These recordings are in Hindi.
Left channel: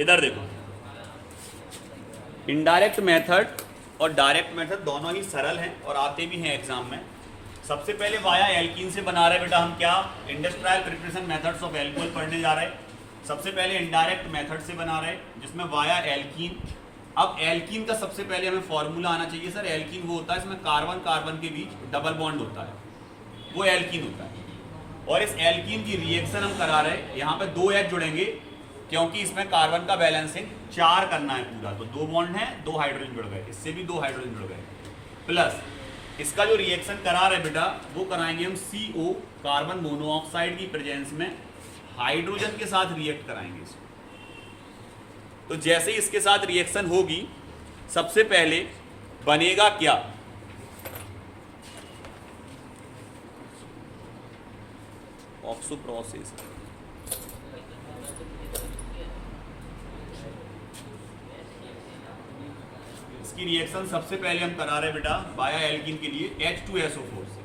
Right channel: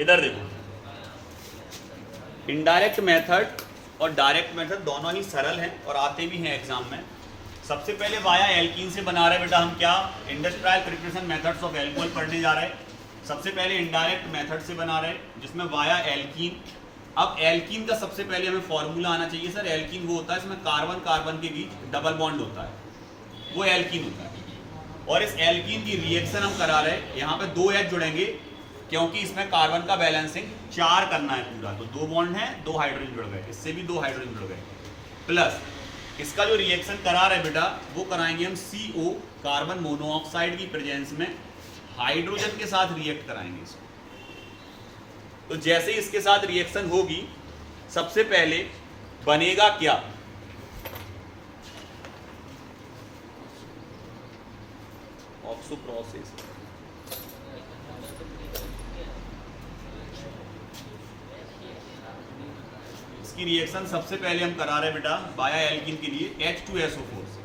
इधर देखो, इनडायरेक्ट मेथड और डायरेक्ट मेथड दोनों ही सरल हैं और आते भी हैं एग्जाम में। सबसे पहले वाया एल्कीन से बना रहे बेटा हम क्या, industrial preparation methods of alcohol पढ़ने जा रहे हैं। सबसे पहले इनडायरेक्ट मेथड से बना रहे हैं जिसमें वाया एल्कीन। अब एल्कीन का सबसे पहले हमें फॉर्मूला आना चाहिए सर। एल्कीन वो होता है इसमें कार्बन कार्बन के बीच डबल बॉन्ड होता है, वो एल्कीन होता है। और इस एल्कीन की रिएक्शन हम करा रहे हैं, यहाँ पे 2 H जुड़ेंगे क्योंकि इसमें कार्बन का बैलेंसिंग 4 करना है पूरा, तो 2 बॉन्ड है, 2 हाइड्रोजन जुड़ गए, इससे भी 2 हाइड्रोजन जुड़ गए। प्लस इसका जो रिएक्शन करा रहे बेटा वो कराएंगे हम CO कार्बन मोनोऑक्साइड की प्रेजेंस में हाइड्रोजन के साथ रिएक्ट कराएंगे इसको। तो जैसे ही इसके साथ रिएक्शन होगी सबसे पहले बनेगा क्या, ऑक्सो प्रोसेस। इसकी रिएक्शन सबसे पहले हम करा रहे हैं बेटा वाया एल्कीन के लिए H2SO4 से।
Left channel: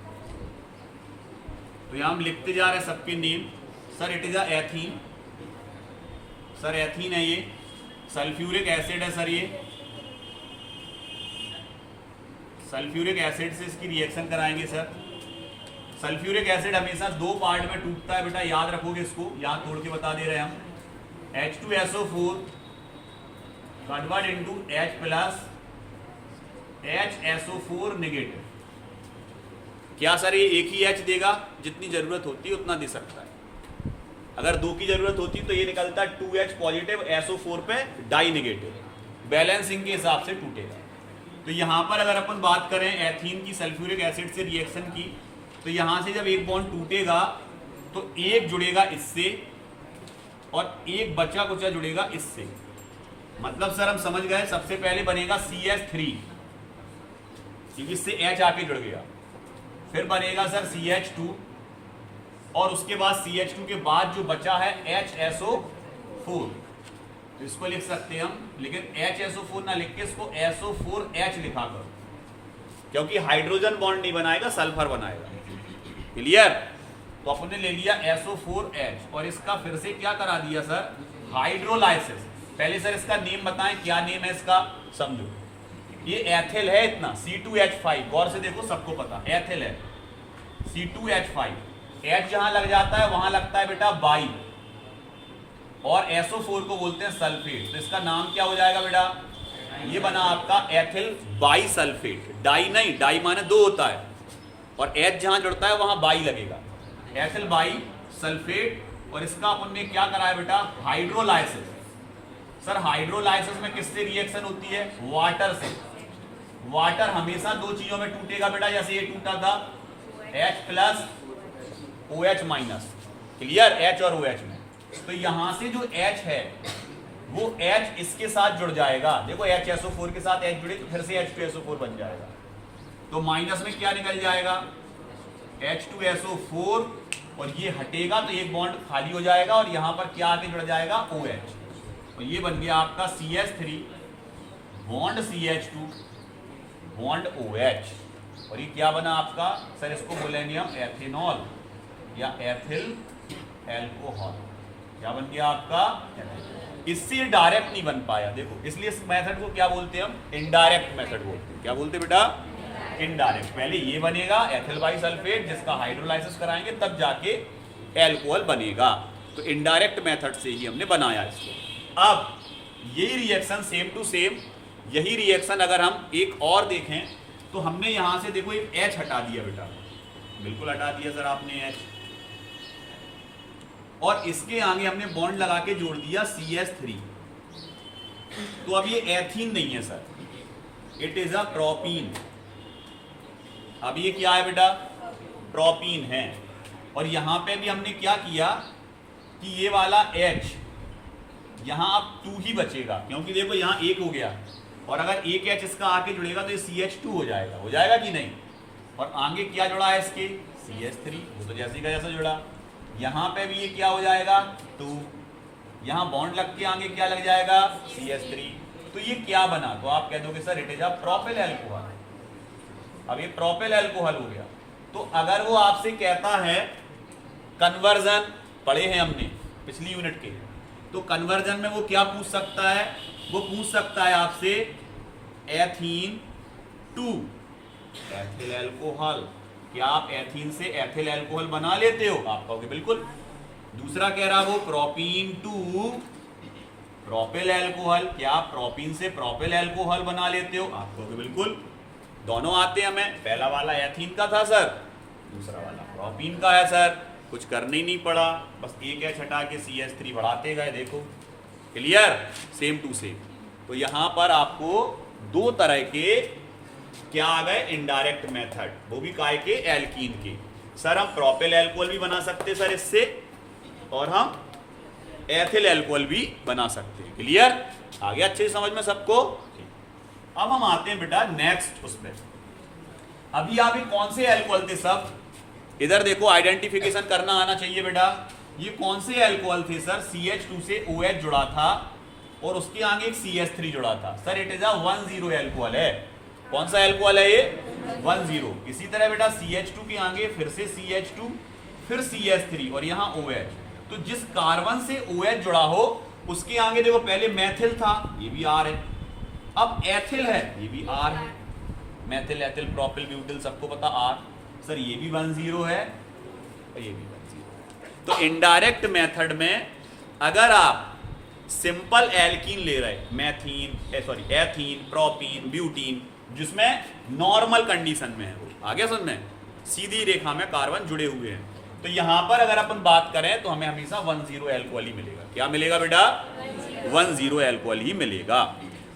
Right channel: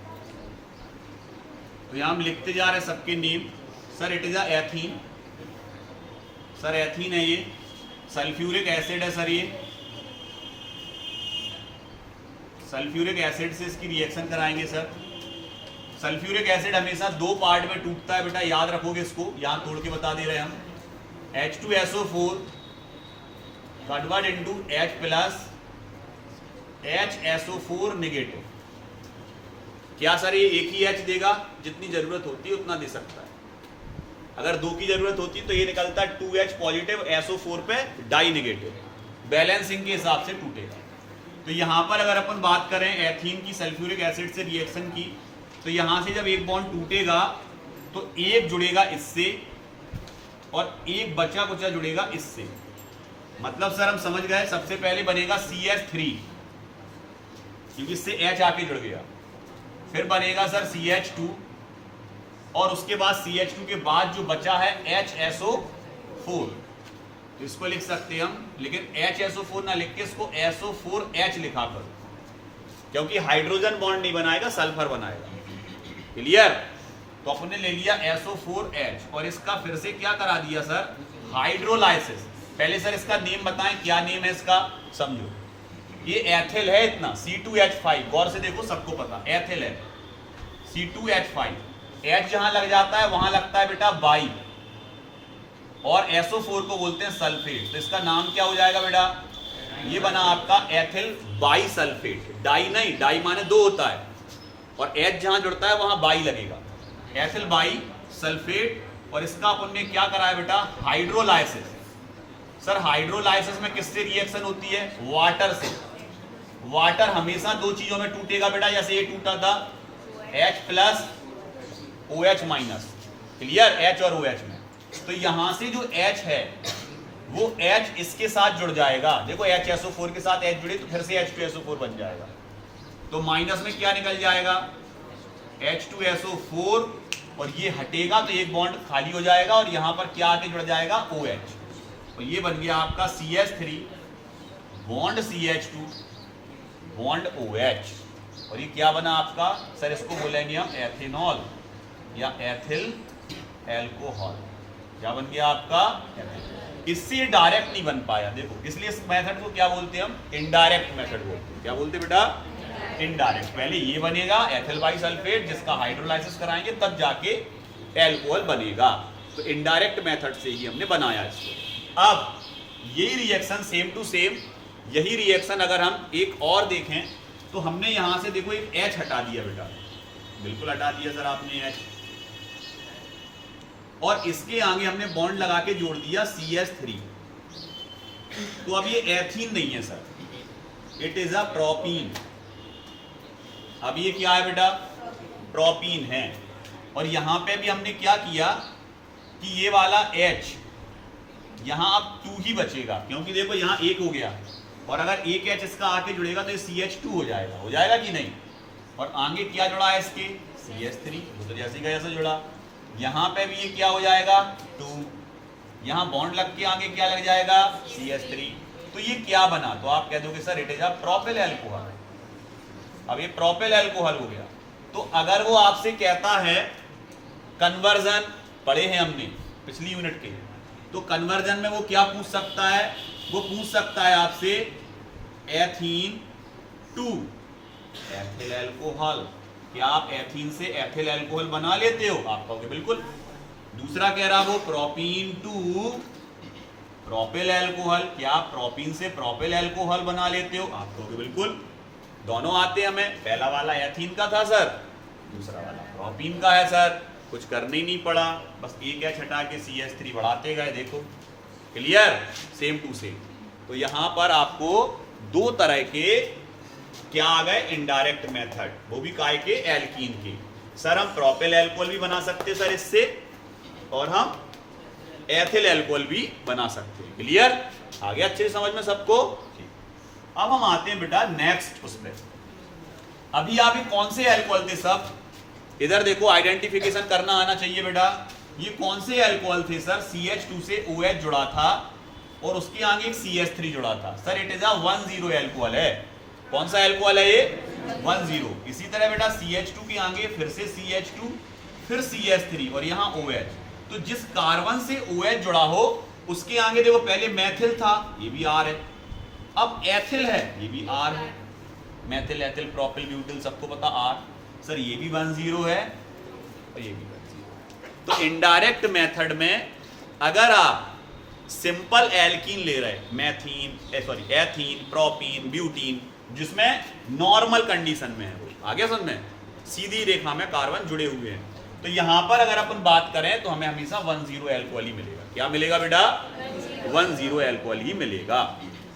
तो यहां हम लिखते जा रहे हैं सबके name. Sir it is a ethene, sir ethene है ये। सल्फ्यूरिक एसिड है सर, ये सल्फ्यूरिक एसिड से इसकी रिएक्शन कराएंगे सर। सल्फ्यूरिक एसिड हमेशा 2 पार्ट में टूटता है बेटा, याद रखोगे इसको, यहां तोड़ के बता दे रहे हैं हम। H2SO4 convert into H plus HSO4 negative. क्या सर ये एक ही H देगा, जितनी जरूरत होती है उतना दे सकता है। अगर 2 की जरूरत होती तो ये निकलता है 2H पॉजिटिव SO4 पे डाई नेगेटिव, बैलेंसिंग के हिसाब से टूटेगा। तो यहां पर अगर अपन बात करें एथीन की सल्फ्यूरिक एसिड से रिएक्शन की, तो यहां से जब एक बॉन्ड टूटेगा तो एक जुड़ेगा इससे और एक बचा कुचा जुड़ेगा इससे। मतलब सर हम समझ गए, सबसे पहले बनेगा CH3 क्योंकि इससे H आके जुड़ गया, फिर बनेगा सर CH2 और उसके बाद CH2 के बाद जो बचा है HSO4, इसको लिख सकते हैं हम, लेकिन HSO4 ना लिख के इसको SO4H लिखा करो क्योंकि हाइड्रोजन बॉन्ड नहीं बनाएगा, सल्फर बनाएगा। क्लियर? तो अपने ले लिया SO4H और इसका फिर से क्या करा दिया सर, हाइड्रोलाइसिस। पहले सर इसका नेम बताएं, क्या नेम है इसका, समझो। ये एथिल है इतना, C2H5, गौर से देखो सबको पता एथिल है, C2H5। H जहां लग जाता है वहां लगता है बेटा बाई, और SO4 को बोलते हैं सल्फेट। तो इसका नाम क्या हो जाएगा बेटा, ये बना आपका एथिल बाई सल्फेट। डाई नहीं, डाई माने 2 होता है और H जहां जुड़ता है वहां बाई लगेगा, एथिल बाई सल्फेट। और इसका अपन ने क्या कराया बेटा, हाइड्रोलाइसिस। सर हाइड्रोलाइसिस में किससे रिएक्शन होती है, वाटर से। वाटर हमेशा 2 चीजों में टूटेगा बेटा, जैसे ये टूटा था H plus OH minus. Clear, H और OH में। तो यहां से जो H है वो H इसके साथ जुड़ जाएगा। देखो HSO4 के साथ H जुड़े तो फिर से H2SO4 बन जाएगा। तो माइनस में क्या निकल जाएगा, H2SO4, और ये हटेगा तो एक बॉन्ड खाली हो जाएगा और यहां पर क्या आके जुड़ जाएगा, OH। तो ये बन गया आपका CH3 bond CH2 bond OH। और ये क्या बना आपका सर, इसको बोलेंगे हम एथेनॉल या एथिल एल्कोहल। क्या बन गया आपका, एथिल। इससे डायरेक्ट नहीं बन पाया, देखो, इसलिए इस मेथड को क्या बोलते हैं हम, इनडायरेक्ट मेथड बोलते हैं। क्या बोलते हैं बेटा, इनडायरेक्ट। पहले ये बनेगा एथिल बाई सल्फेट, जिसका हाइड्रोलाइसिस कराएंगे तब जाके एल्कोहल बनेगा। तो इनडायरेक्ट मेथड से ही हमने बनाया इसको। अब यही रिएक्शन सेम टू सेम, यही रिएक्शन अगर हम एक और देखें तो हमने यहां से देखो एक H हटा दिया बेटा, बिल्कुल हटा दिया सर आपने H, और इसके आगे हमने बॉन्ड लगा के जोड़ दिया CH3। तो अब ये एथीन नहीं है sir, it is a propene. अब ये क्या है बेटा, प्रोपीन है। और यहां पे भी हमने क्या किया कि ये वाला H यहां अब 2 ही बचेगा, क्योंकि देखो यहां 1 हो गया और अगर एक H इसका आके जुड़ेगा तो ये CH2 हो जाएगा कि नहीं। और आगे क्या जुड़ा है इसके, CH3, वो तो जैसे का जैसे जुड़ा। यहां पे भी ये क्या हो जाएगा, 2। यहां बॉन्ड लग के आगे क्या लग जाएगा, CH3। तो ये क्या बना, तो आप कह दोगे sir it is a propyl alcohol. अब ये प्रोपिल अल्कोहल हो गया। तो अगर वो आपसे कहता है कन्वर्जन, पढ़े हैं हमने पिछली यूनिट के, तो कन्वर्जन में वो क्या पूछ सकता है, वो पूछ सकता है आपसे एथीन टू एथिल अल्कोहल, क्या आप एथीन से एथिल अल्कोहल बना लेते हो? आप कहोगे बिल्कुल। दूसरा कह रहा वो प्रोपीन टू प्रोपिल अल्कोहल, क्या आप प्रोपीन से प्रोपिल अल्कोहल बना लेते हो? आप कहोगे बिल्कुल। दोनों आते हैं हमें, पहला वाला एथीन का था सर, दूसरा वाला प्रोपीन का है सर, कुछ करने ही नहीं पड़ा, बस एक एच हटा के CH3 बढ़ाते गए, देखो क्लियर, सेम टू सेम। तो यहां पर आपको दो तरह के क्या आ गए इनडायरेक्ट मेथड, वो भी काय के, एल्कीन के। सर हम प्रोपिल अल्कोहल भी बना सकते सर इससे, और हम एथिल अल्कोहल भी बना सकते हैं। क्लियर, आ गया अच्छे समझ में सबको? अब हम आते हैं बेटा नेक्स्ट उसमें। अभी आप कौन से अल्कोहल थे सब, इधर देखो आइडेंटिफिकेशन करना आना चाहिए बेटा। ये कौन से अल्कोहल थे सर? CH2 से OH जुड़ा था और उसके आगे एक CH3 जुड़ा था। Sir it is a 1,0 alcohol है। कौन सा अल्कोहल है ये? 1,0। इसी तरह बेटा CH2 के आगे फिर से CH2, फिर CH3 और यहाँ OH। तो जिस कार्बन से OH जुड़ा हो उसके आगे देखो पहले मैथिल था, ये भी R है, अब एथिल है, ये भी R है, मैथिल एथिल प्रोपिल ब्यूटिल सबको पता R। सर ये भी 1,0 है और ये भी 1,0। तो इनडायरेक्ट मेथड में अगर आप सिंपल एल्कीन ले रहे, मैथीन एथीन प्रोपीन ब्यूटीन, जिसमें नॉर्मल कंडीशन में है, आगे समझ में, सीधी रेखा में कार्बन जुड़े हुए हैं, तो यहां पर अगर अपन बात करें तो हमें हमेशा 1,0 अल्कोहल ही मिलेगा। क्या मिलेगा बेटा? 1,0 अल्कोहल ही मिलेगा।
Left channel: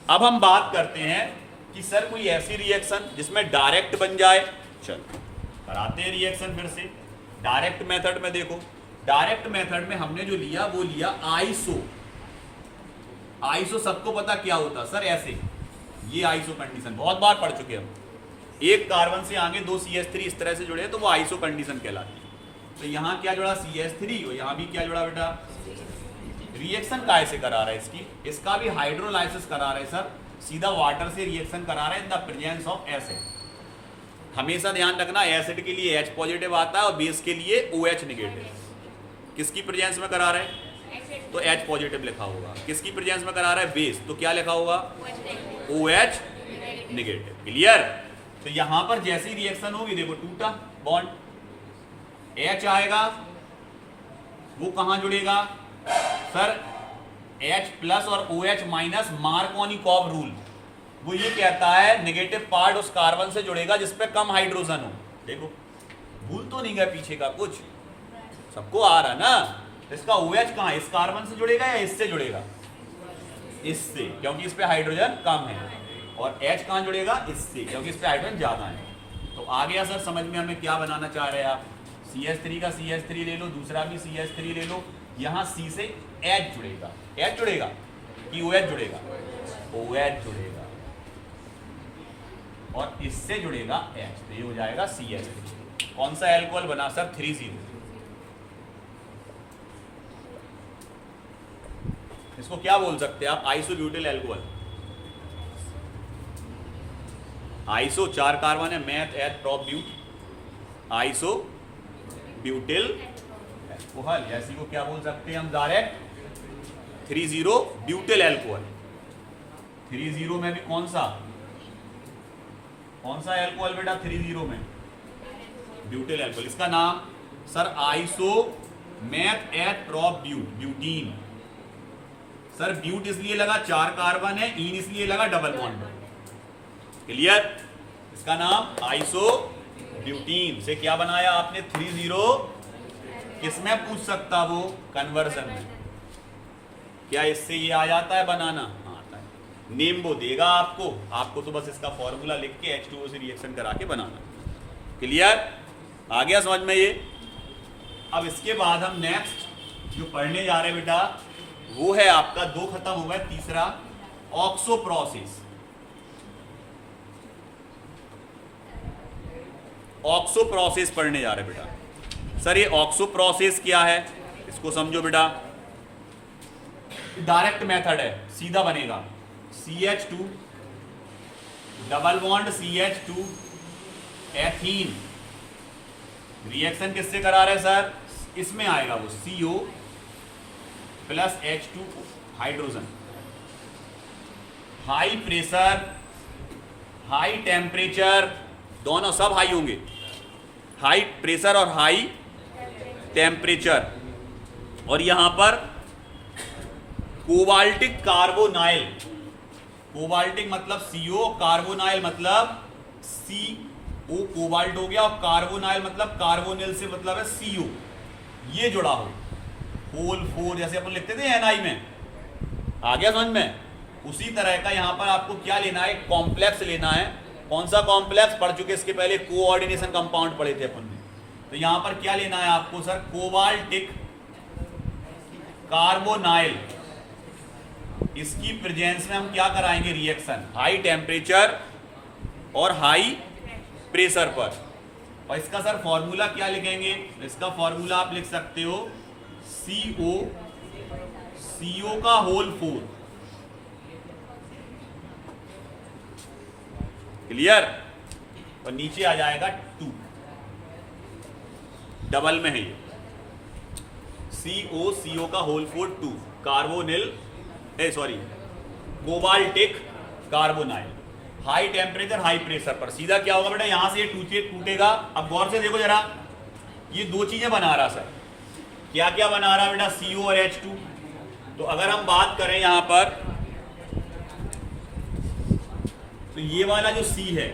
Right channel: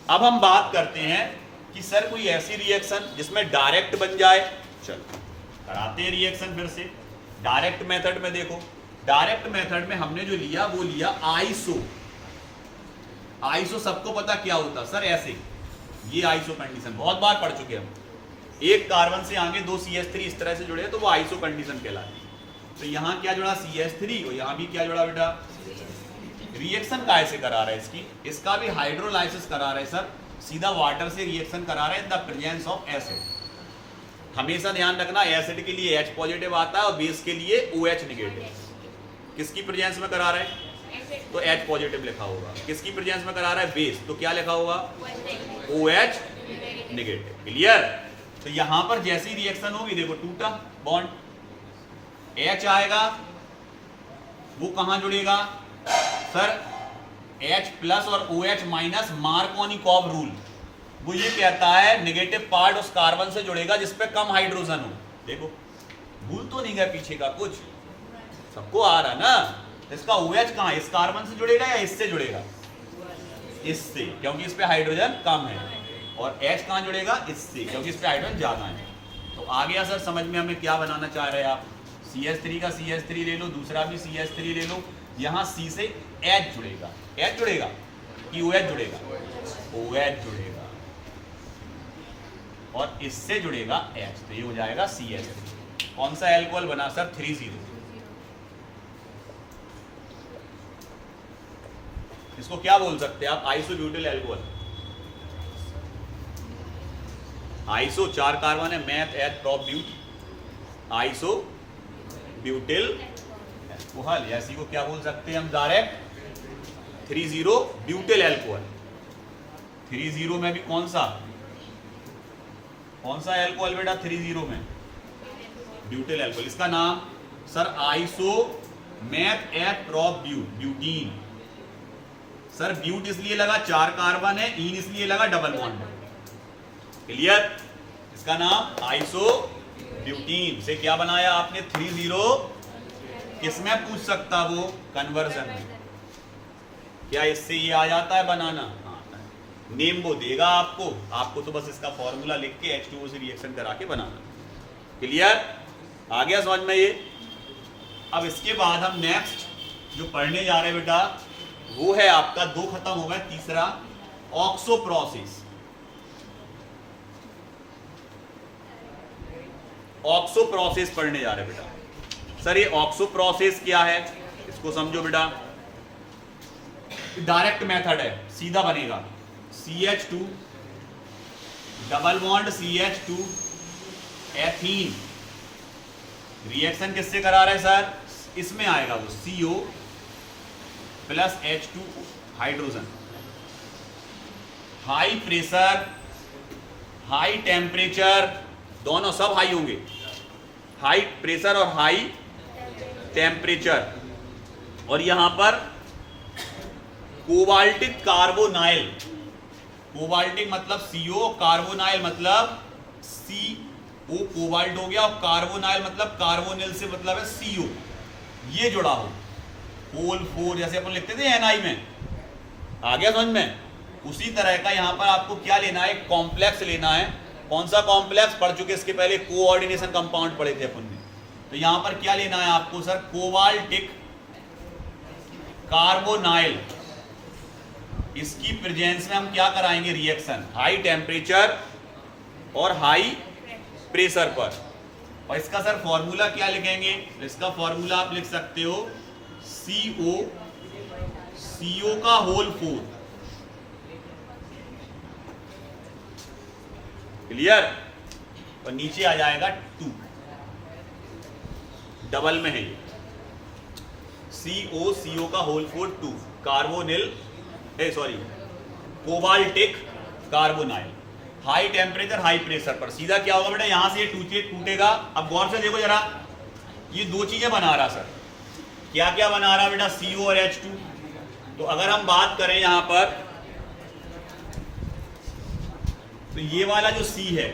अब हम बात करते हैं कि सर कोई ऐसी रिएक्शन जिसमें डायरेक्ट बन जाए, चल कराते हैं रिएक्शन फिर से। डायरेक्ट मेथड में देखो, डायरेक्ट मेथड में हमने जो लिया वो लिया आइसो। आइसो सबको पता क्या होता सर? ऐसे, ये आइसो कंडीशन बहुत बार पढ़ चुके हम। एक कार्बन से आगे दो CH3 इस तरह से जुड़े तो वो आइसो कंडीशन कहलाती है। तो यहाँ क्या जुड़ा? CH3, और यहाँ भी क्या जुड़ा बेटा? रिएक्शन कैसे करा रहा है इसकी? इसका भी हाइड्रोलाइसिस करा रहा है सर, सीधा वाटर से रिएक्शन करा रहा है in the presence of acid. हमेशा ध्यान रखना एसिड के लिए H पॉजिटिव आता है और बेस के लिए OH नेगेटिव। किसकी प्रेजेंस में करा रहा है तो H पॉजिटिव लिखा होगा, किसकी प्रेजेंस में करा रहा है बेस तो क्या लिखा होगा? OH negative. क्लियर? तो यहां पर जैसी रिएक्शन होगी देखो टूटा बॉन्ड, H आएगा, वो कहां जुड़ेगा सर? H प्लस और OH माइनस, मार्कोनिकॉव रूल वो ये कहता है नेगेटिव पार्ट उस कार्बन से जुड़ेगा जिसपे कम हाइड्रोजन हो। देखो भूल तो नहीं गया पीछे का कुछ, सबको आ रहा ना। इसका OH कहां, इस कार्बन से जुड़ेगा या इससे जुड़ेगा? इससे, क्योंकि इस पे हाइड्रोजन कम है, और H कहां जुड़ेगा? इससे, क्योंकि इस पे हाइड्रोजन ज्यादा है। तो आ गया सर समझ में हमें क्या बनाना चाह रहे हैं आप? CH3 का CH3 ले लो, दूसरा भी CH3 ले लो, यहाँ C से H जुड़ेगा, H जुड़ेगा कि OH जुड़ेगा? OH जुड़ेगा, और इससे जुड़ेगा H, तो ये हो जाएगा CH3। कौन सा अल्कोहल बना सर? 3,0। इसको क्या बोल सकते हैं आप? Isobutyl alcohol. आइसो 4 कार्बन है, meth eth prop but, iso butyl alcohol. ऐसी को क्या बोल सकते हैं हम? Direct 3,0 butyl alcohol. 3,0 में भी कौन सा अल्कोहल बेटा? 3,0 में ब्यूटिल अल्कोहल। इसका नाम sir iso meth eth prop but, butene. Sir but इसलिए लगा 4 कार्बन है, इन इसलिए लगा डबल बॉन्ड। क्लियर? इसका नाम आइसो ब्यूटीन से क्या बनाया आपने? 3,0। किसमें पूछ सकता वो? कन्वर्जन में। क्या इससे ये आ जाता है बनाना? नेम वो देगा आपको तो बस इसका फॉर्मूला लिख के H2O से रिएक्शन करा के बनाना। क्लियर? आ गया समझ में ये? अब इसके बाद हम नेक्स्ट जो पढ़ने जा रहे हैं बेटा वो है आपका, 2 खत्म हो गए, तीसरा ऑक्सो प्रोसेस। ऑक्सो प्रोसेस पढ़ने जा रहे हैं बेटा। सर ये ऑक्सो प्रोसेस क्या है इसको समझो बेटा। डायरेक्ट मेथड है, सीधा बनेगा CH2 double bond CH2 ethene. Reaction किससे करा रहे सर? इसमें आएगा वो CO plus H2 hydrogen. High pressure, high temperature, दोनों सब हाई होंगे, हाई प्रेशर और हाई टेम्परेचर। और यहां पर कोबाल्टिक कार्बोनाइल, कोबाल्टिक मतलब CO, कार्बोनाइल मतलब CO, कोबाल्ट हो गया, और कार्बोनाइल मतलब कार्बोनिल से मतलब है CO, ये जुड़ा हो, होल 4 जैसे अपन लिखते थे Na में, आ गया समझ में? उसी तरह का यहां पर आपको क्या लेना है, कॉम्प्लेक्स लेना है। कौन सा कॉम्प्लेक्स? पढ़ चुके इसके पहले, कोऑर्डिनेशन कंपाउंड पढ़े थे अपन। तो यहां पर क्या लेना है आपको सर, कोबाल्टिक कार्बोनाइल। इसकी प्रेजेंस में हम क्या कराएंगे, रिएक्शन हाई टेम्परेचर और हाई प्रेशर पर। और इसका सर फॉर्मूला क्या लिखेंगे? इसका फॉर्मूला आप लिख सकते हो CO का होल 4। क्लियर? और नीचे आ जाएगा 2, डबल में है ये, CO का whole 4 2, carbonyl sorry cobaltic carbonyl, high temperature high pressure पर। सीधा क्या होगा बेटा, यहां से ये टूटेगा। अब गौर से देखो जरा, ये दो चीजें बना रहा सर, क्या क्या बना रहा बेटा, CO और H2। तो अगर हम बात करें यहां पर, तो ये वाला जो C है,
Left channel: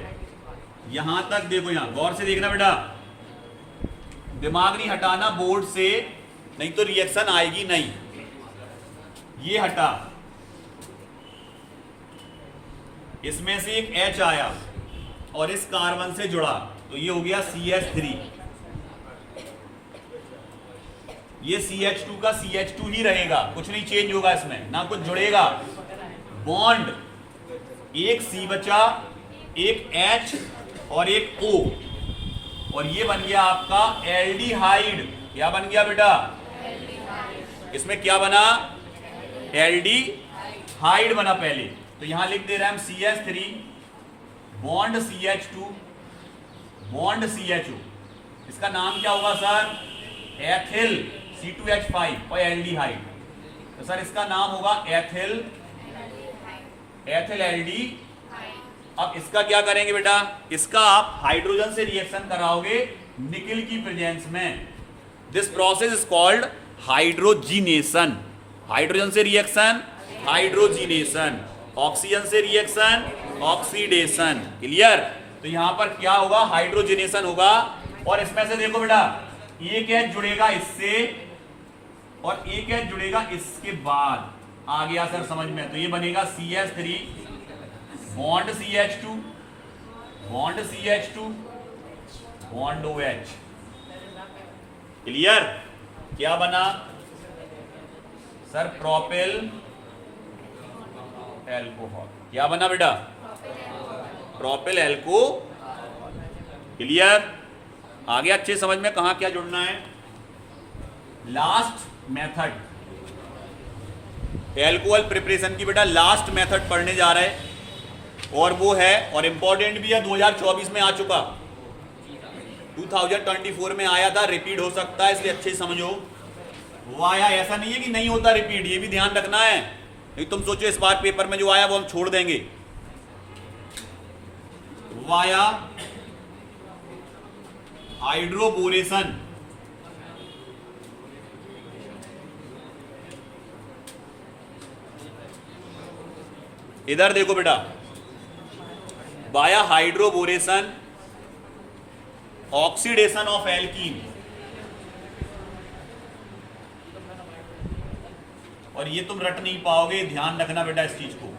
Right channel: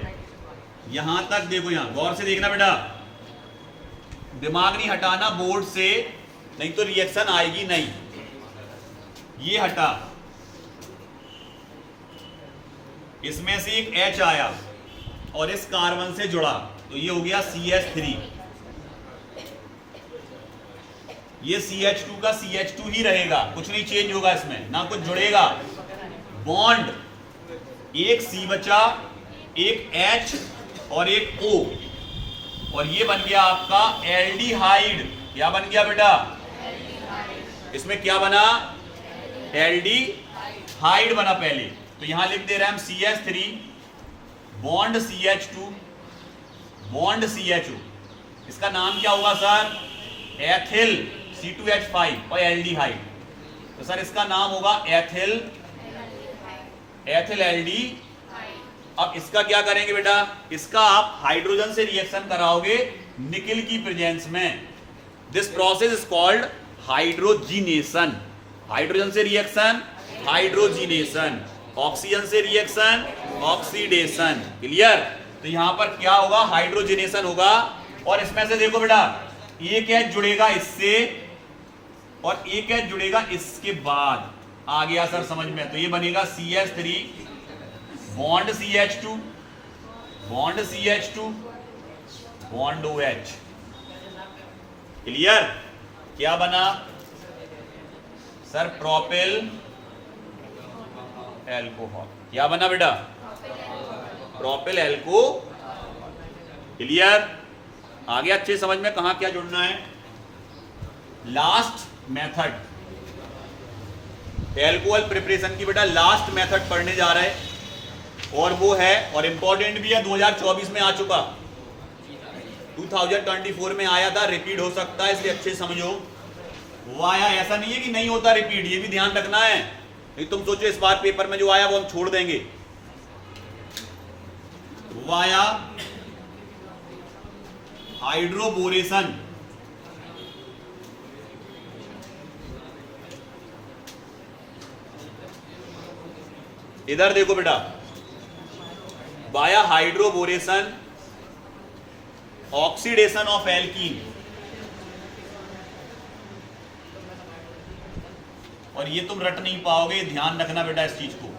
यहां तक देखो, यहां गौर से देखना बेटा, दिमाग नहीं हटाना बोर्ड से, नहीं तो रिएक्शन आएगी नहीं। ये हटा, इसमें से एक H आया और इस कार्बन से जुड़ा, तो ये हो गया CH3। ये CH2 का CH2 ही रहेगा, कुछ नहीं चेंज होगा इसमें, ना कुछ जुड़ेगा। बॉन्ड, एक C बचा, एक H और एक O, और ये बन गया आपका एल्डिहाइड। क्या बन गया बेटा? इसमें क्या बना? एल्डिहाइड बना पहले। तो यहां लिख दे रहे हैं हम CH3 bond CH2 bond CHO। इसका नाम क्या होगा सर? एथिल C2H5 और एल्डिहाइड। तो सर इसका नाम होगा एथिल एल्डी। अब इसका क्या करेंगे बेटा? इसका आप हाइड्रोजन से रिएक्शन कराओगे निकेल की प्रेजेंस में। This process is called hydrogenation. Hydrogen से रिएक्शन हाइड्रोजिनेशन, ऑक्सीजन से रिएक्शन ऑक्सीडेशन। क्लियर? तो यहां पर क्या होगा? हाइड्रोजिनेशन होगा। और इसमें से देखो बेटा, एक H जुड़ेगा इससे और एक H जुड़ेगा इसके बाद। आ गया सर समझ में? तो ये बनेगा CH3 bond CH2 bond CH2 bond OH। Clear? क्या बना सर? Propyl alcohol. क्या बना बेटा? प्रोपिल एल्को। क्लियर? आगे अच्छे समझ में कहां क्या जुड़ना है। लास्ट मेथड, एल्कोहल प्रिपरेशन की बेटा लास्ट मेथड पढ़ने जा रहे हैं, और वो है, और इंपॉर्टेंट भी है, 2024 में आ चुका, 2024 में आया था, रिपीट हो सकता है, इसलिए अच्छे समझो। वो आया, ऐसा नहीं है कि नहीं होता रिपीट, ये भी ध्यान रखना है। नहीं तुम सोचो इस बार पेपर में जो आया वो हम छोड़ देंगे। वो आया हाइड्रोबोरेशन। इधर देखो बेटा, बाया हाइड्रोबोरेशन ऑक्सीडेशन ऑफ एल्कीन। और ये तुम रट नहीं पाओगे, ध्यान रखना बेटा इस चीज को।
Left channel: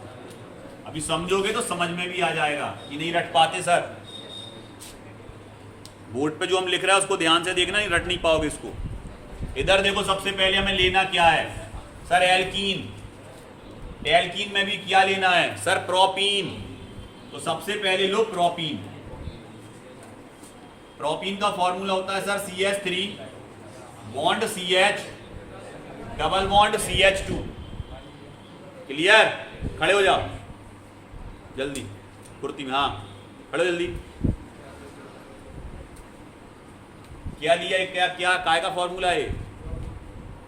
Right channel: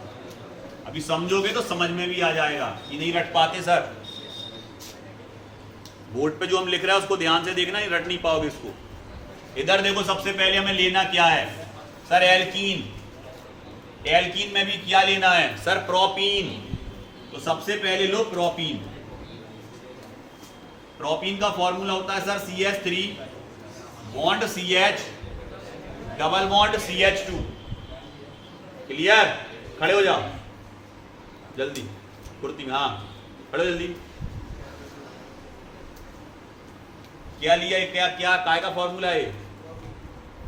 अभी समझोगे तो समझ में भी आ जाएगा। ये नहीं रट पाते सर, बोर्ड पे जो हम लिख रहे हैं उसको ध्यान से देखना, नहीं रट नहीं पाओगे इसको। इधर देखो, सबसे पहले हमें लेना क्या है सर? एल्कीन। एल्कीन में भी क्या लेना है सर? प्रोपीन। तो सबसे पहले लो प्रोपीन। प्रोपीन का फॉर्मूला होता है sir CH3 bond CH double bond CH2। Clear? खड़े हो जाओ जल्दी, कुर्ती में। हाँ खड़े जल्दी। क्या लिया है? क्या क्या काय का फॉर्मूला है?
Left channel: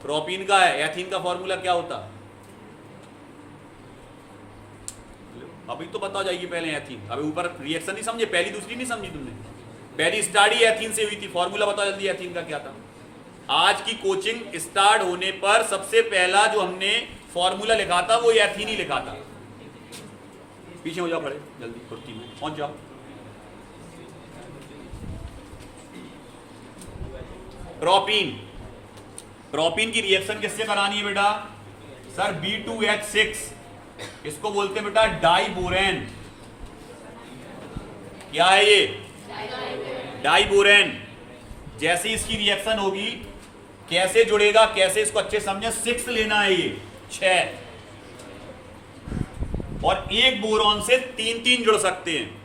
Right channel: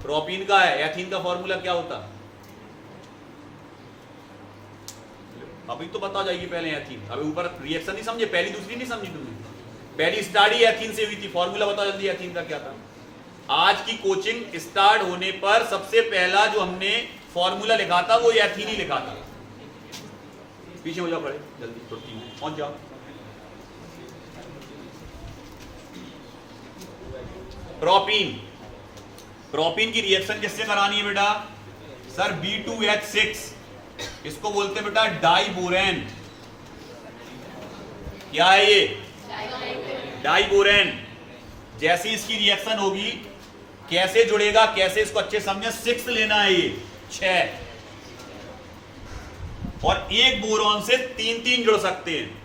प्रोपीन का है, एथीन का फॉर्मूला क्या होता? अभी तो बता जाइए पहले एथीन। अभी ऊपर रिएक्शन नहीं समझे, पहली दूसरी नहीं समझी तुमने? पहली स्टार्ट ही एथीन से हुई थी। फॉर्मूला बताओ जल्दी एथीन का क्या था। आज की कोचिंग स्टार्ट होने पर सबसे पहला जो हमने फॉर्मूला लिखा था वो एथीन ही लिखा था। पीछे हो जाओ, खड़े जल्दी, कुर्सी में पहुंच जाओ। प्रोपीन, प्रोपीन की रिएक्शन किससे करानी है बेटा? सर B2H6, इसको बोलते हैं बेटा डाइबोरेन। क्या है ये? डाइबोरेन। जैसे इसकी रिएक्शन होगी, कैसे जुड़ेगा, कैसे इसको अच्छे समझे। 6 लेना है ये, 6, और एक बोरॉन से 3 जुड़ सकते हैं।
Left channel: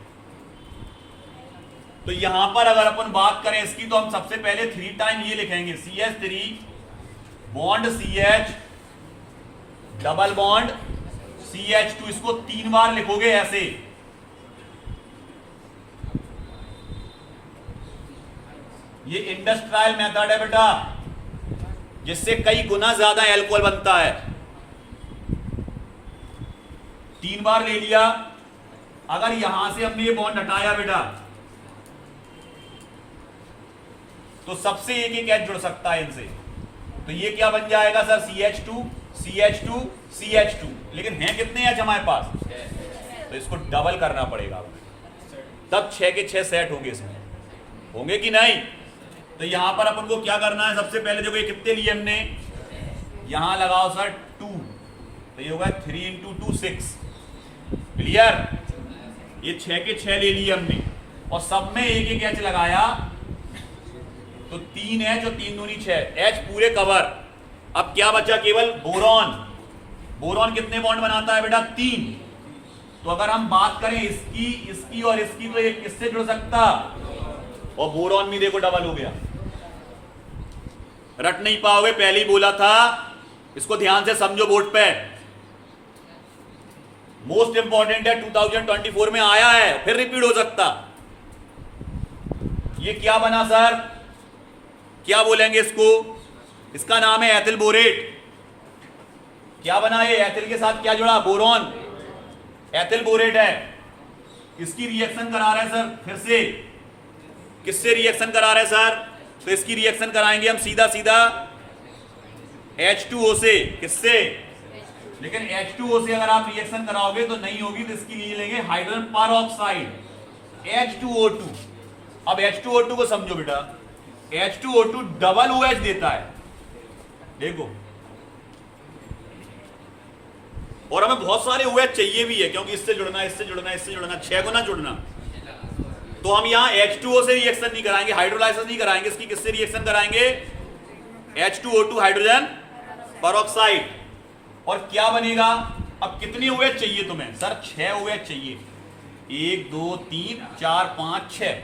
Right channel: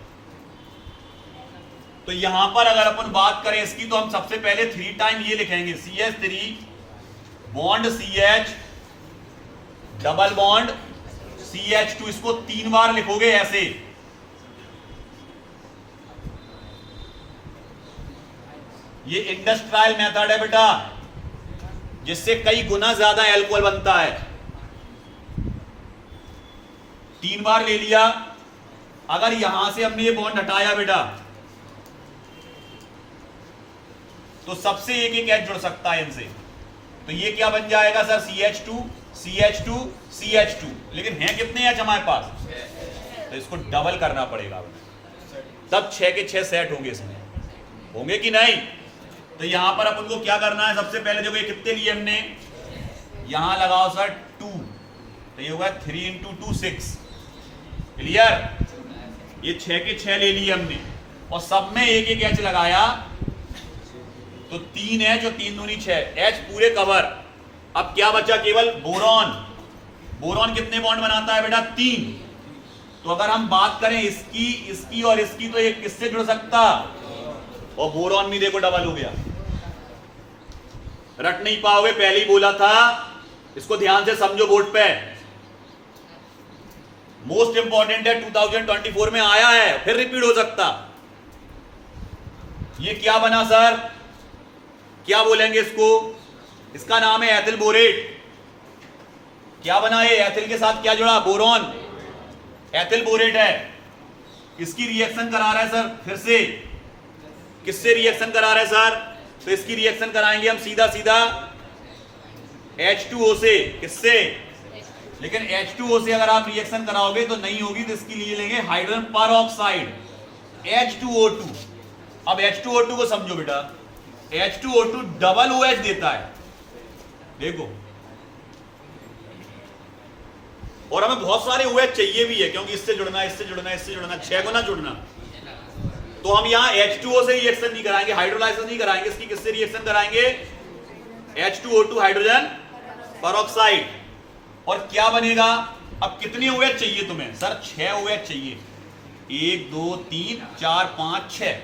तो यहां पर अगर अपन बात करें इसकी, तो हम सबसे पहले 3 टाइम ये लिखेंगे, CH3 bond CH double bond CH2। इसको 3 बार लिखोगे ऐसे। ये इंडस्ट्रियल मेथड है बेटा, जिससे कई गुना ज्यादा एल्कोहल बनता है। 3 बार ले लिया। अगर यहां से हमने ये बॉन्ड हटाया बेटा, तो सबसे एक H जुड़ सकता है इनसे। तो ये क्या बन जाएगा सर? CH2 CH2 CH2। लेकिन हैं कितने H हमारे पास? तो इसको डबल करना पड़ेगा, तब 6 के 6 सेट होंगे इसमें, होंगे कि नहीं? तो यहां पर अपन को क्या करना है? सबसे पहले देखो ये कितने लिए हमने, यहां लगाओ सर 2, तो ये होगा 3 × 2 6। क्लियर? ये 6 के 6 ले लिए हमने, और सब में एक H लगाया, तो 3 H और 3 दूनी 6, H पूरे कवर। अब क्या बचा? केवल बोरॉन। बोरॉन कितने बॉन्ड बनाता है बेटा? 3। तो अगर हम बात करें इसकी, इसकी और इसकी, तो ये किससे जुड़ सकता? और बोरॉन भी देखो डबल हो गया। रट नहीं पाओगे, पहले ही बोला था। इसको ध्यान से समझो, बोर्ड पे मोस्ट इंपॉर्टेंट है, 2024 में आया है, फिर रिपीट हो सकता। ये क्या बना सर? क्या बोलेंगे इसको? इसका नाम है एथिल बोरेट। क्या बना ये? एथिल के साथ क्या जुड़ा? बोरॉन। एथिल बोरेट है। इसकी रिएक्शन करा रहा है सर, फिर से किससे रिएक्शन करा रहा है सर? तो इसकी रिएक्शन कराएंगे हम सीधा सीधा H2O से। किससे? लेकिन H2O से अगर आप रिएक्शन कराओगे तो नहीं होगी, तो इसके लिए लेंगे हाइड्रोजन परऑक्साइड, H2O2। अब H2O2 को समझो बेटा, H2O2 डबल OH देता है, देखो। और हमें बहुत सारे OH चाहिए भी है, क्योंकि इससे जुड़ना, इससे जुड़ना, इससे जुड़ना, 6 गुना जुड़ना। तो हम यहां H2O से रिएक्शन नहीं कराएंगे, हाइड्रोलाइसिस नहीं कराएंगे। इसकी किससे रिएक्शन कराएंगे? H2O2 hydrogen peroxide. और क्या बनेगा? अब कितने OH चाहिए तुम्हें? सर 6 OH चाहिए। 1 2 3 4 5 6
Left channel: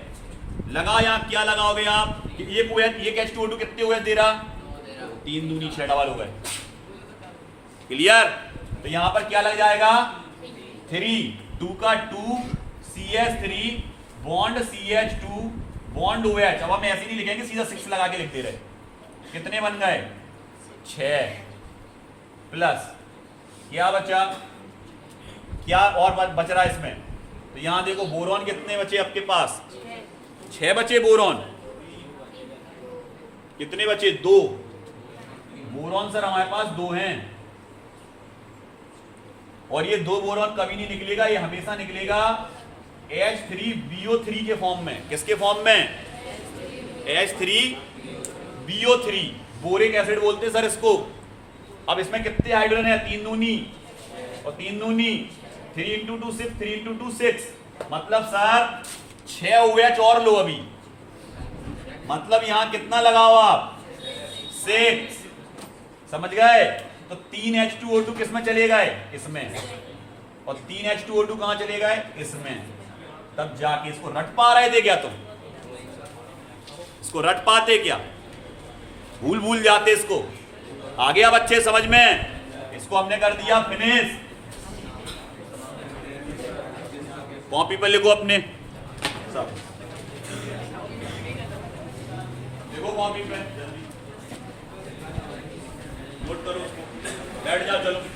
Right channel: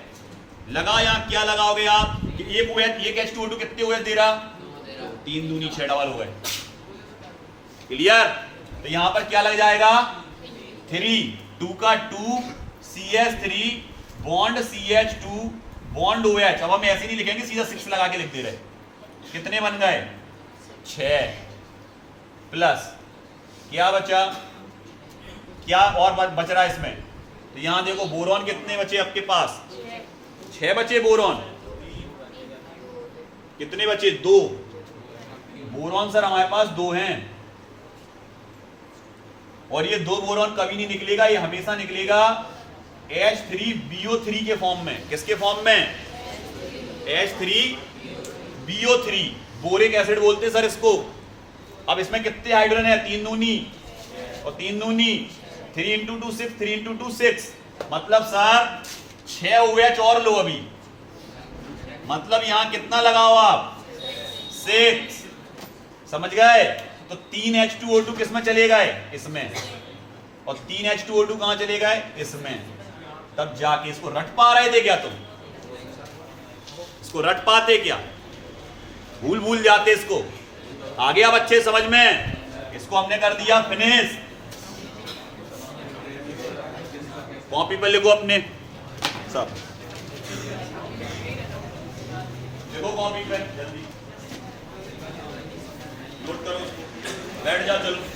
लगा। यहां क्या लगाओगे आप? एक OH, एक H2O2 कितने OH दे रहा? 3 दूनी 6 डबल हो गए। क्लियर? तो यहां पर क्या लग जाएगा? 3, 2 का 2 CH3 bond CH2 bond OH। अब हम ऐसे नहीं लिखेंगे, सीधा 6 लगा के लिख दे रहे। कितने बन गए? 6 प्लस क्या बचा? क्या और बच रहा है इसमें? तो यहां देखो बोरॉन कितने बचे आपके पास? 6 बचे बोरॉन। कितने बचे? 2 बोरॉन सर हमारे पास 2 हैं। और ये 2 बोरॉन कभी नहीं निकलेगा, ये हमेशा निकलेगा H3BO3 के फॉर्म में। किसके फॉर्म में? H3BO3, बोरिक एसिड बोलते हैं सर इसको। अब इसमें कितने हाइड्रोजन है? 3 दूनी और 3 दूनी 3 × 2 6, 3 × 2 6। मतलब सर 6 OH और लो अभी। मतलब यहां कितना लगाओ आप? 6। समझ गए? तो 3 H2O2 किस में चले गए? इसमें। और 3 H2O2 कहां चले गए? इसमें। तब जाके इसको रट पा रहे थे क्या तुम? इसको रट पाते क्या? भूल जाते इसको। आगे अब अच्छे समझ में। इसको हमने कर दिया फिनिश। कॉपी पर लिखो अपने सब, देखो कॉपी पर जल्दी। नोट करो उसको, बैठ जाओ चलो।